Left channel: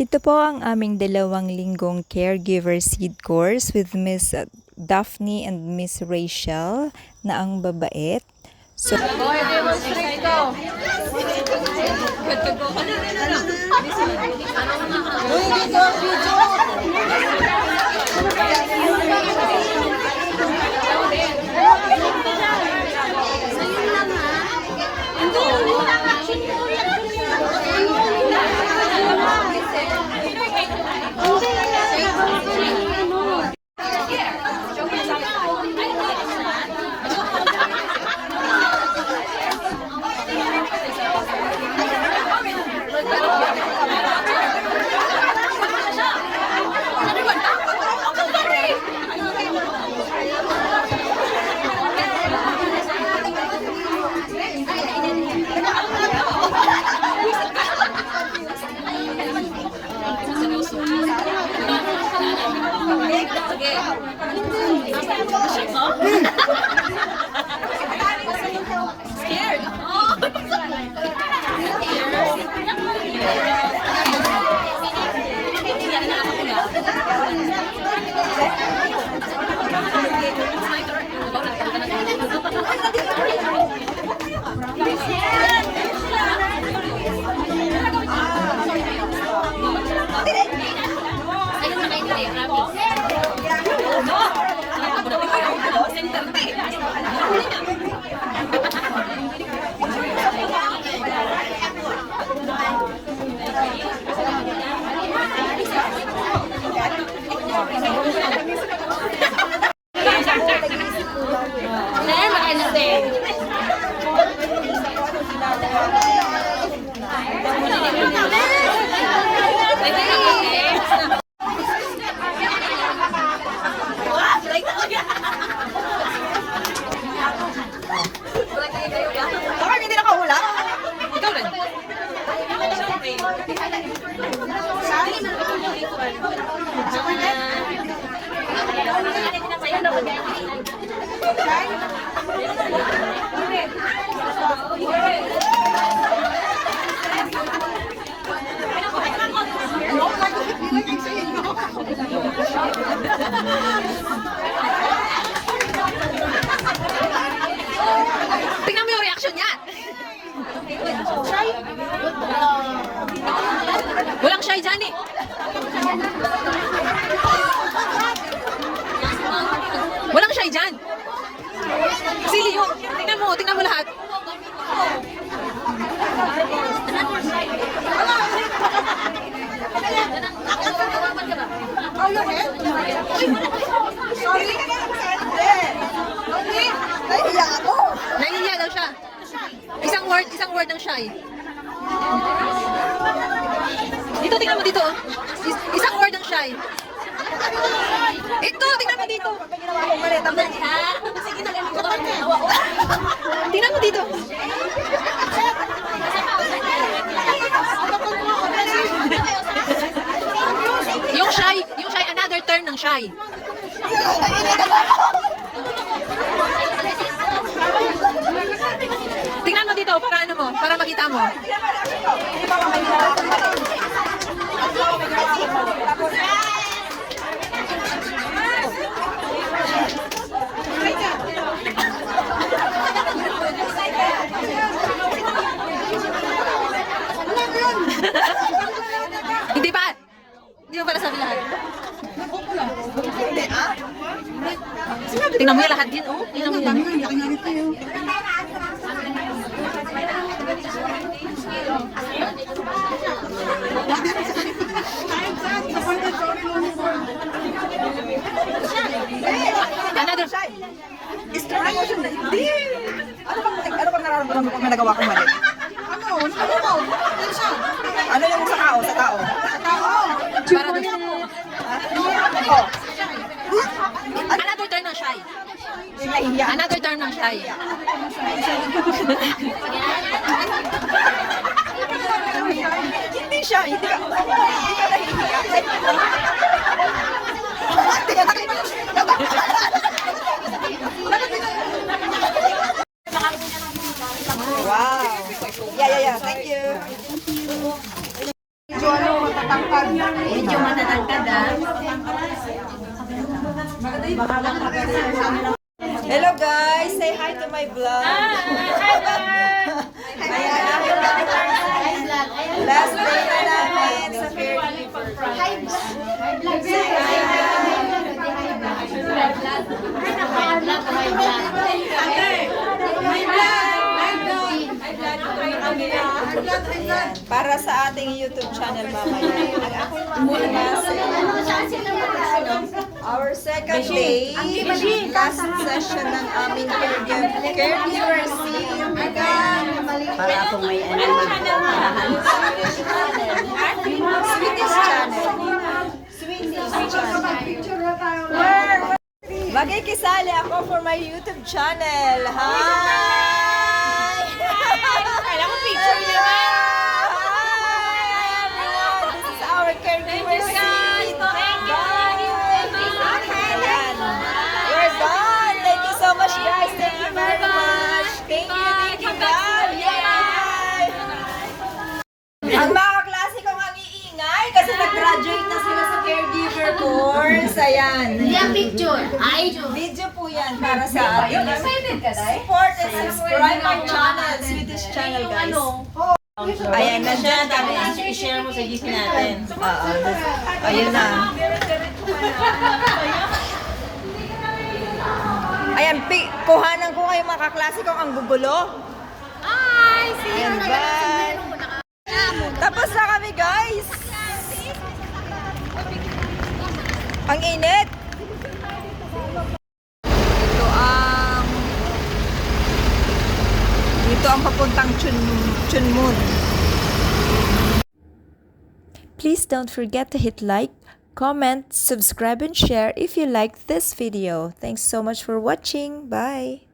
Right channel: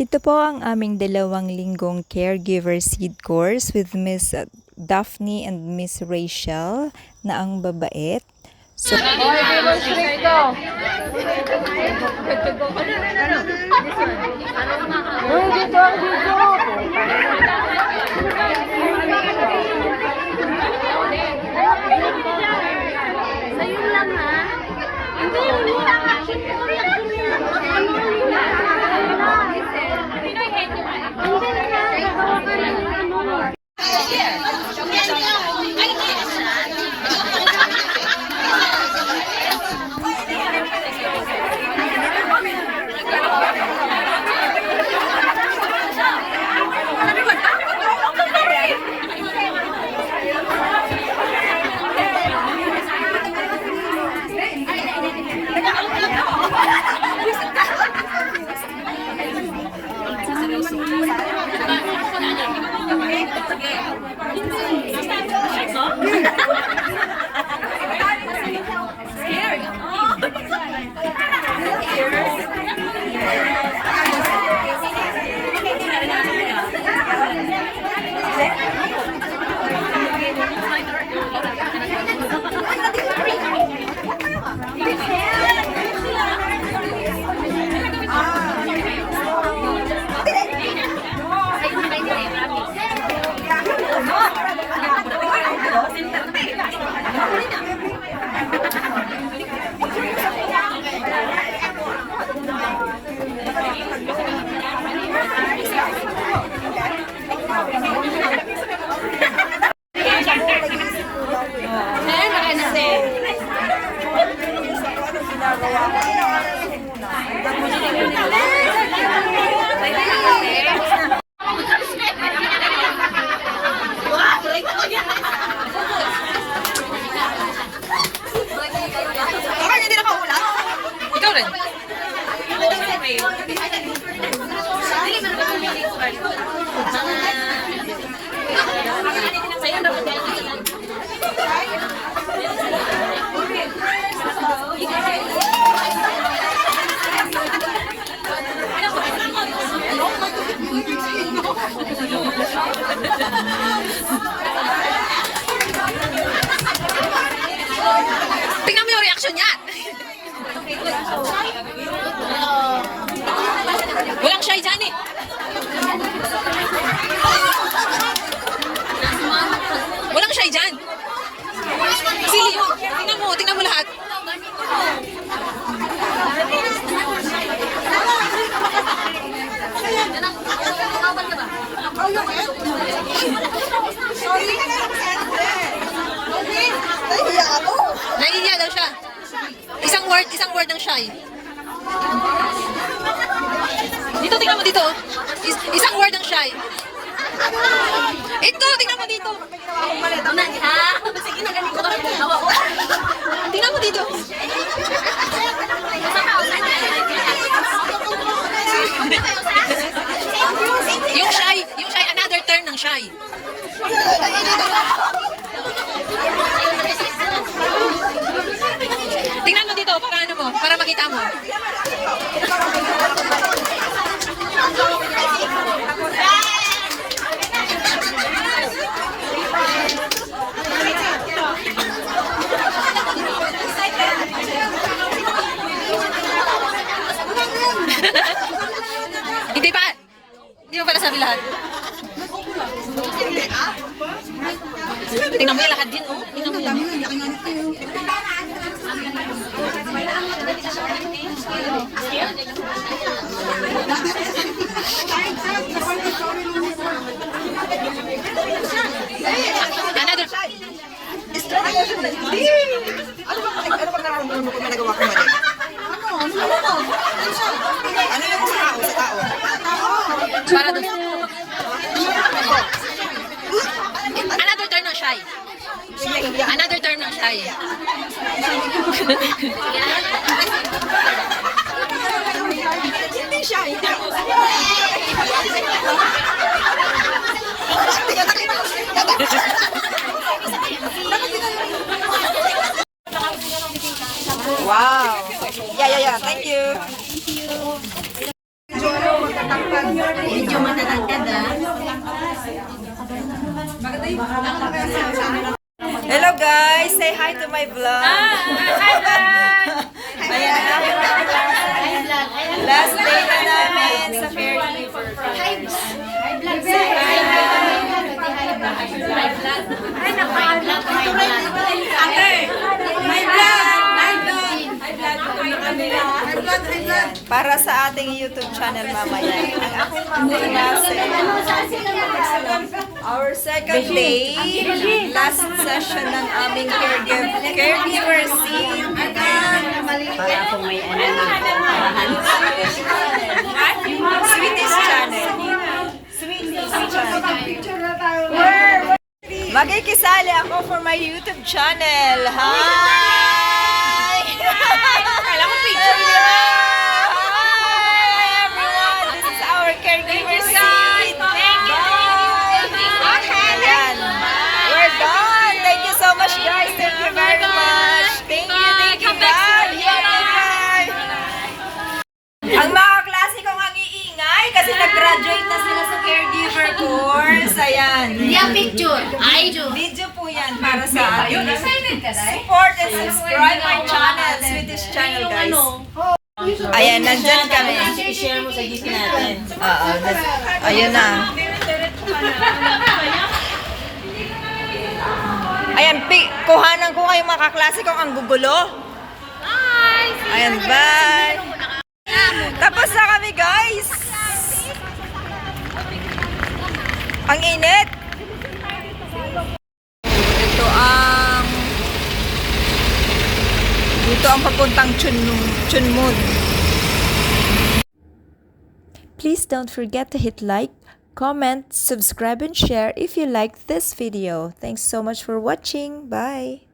Ito po ang aming 2 linggong caregiver seed course with Miss Daphne and Miss Rachel na ang babait. So, tingnan mo yung reaction niya. Walang shy dyan eh. Walang shy dyan. Sili mo. Tingnan mo lahat. Naiiya daw siya. Isang word ng shy. Dito, tingnan mo dito. Isang word ng shy. Ito, tingnan mo dito. Tingnan mo dito. Yung shy, another term ng shy. Tingnan mo dito, para makita mo. Hindi pa. Hindi mo para sabi lahat. Tingnan mo yung lahat din, oh. Tingnan mo yan. Another. Ano ba nararamdaman mo pag may nagawa ko mali? Ano yung sa tao? Para doon. Another term ng shy. Another term ng shy. Hindi siya. Wow. Yeah. Thank you. Medyo matatangkad Hello guys! Say hi to my vlog! Last day na namin sa Fair. Para sa ating YouTube channel mamaya. Ang aking mga klase. Our second day, last session ng aming caregiver scene. Para akong may ano Sweetest channel. Sweetest channel. Magkikisali ako for my YouTube channel. Hi! Kala ko picture niya. Hi everyone! This is our caregiver Thank you, guys. scene. Thank you. Bye! Ayan. We're done. Thank you so much guys. Thank you very much. Thank you. Bye! Bye! Ang mga klase kong ang iingay kasi nag-graduate na sila sa caregiver course. Ayan. Yung picture. Ay, Video po yan para sa atin. Support and subscribe my channel, Swedish channel guys. Ayan, nandyan kami. i-share mo sa GC natin. Oo, ayun na. Ayan, kuhanan ko kayo mga kaklase kong ang gugulo. Ayan, bye. Tapos na kami guys. Ang init. Dito ang papuntang Chunmun. Please don't forget to hit like, comment, subscribe, and share if you liked this video. Thanks so much for watching. Bye!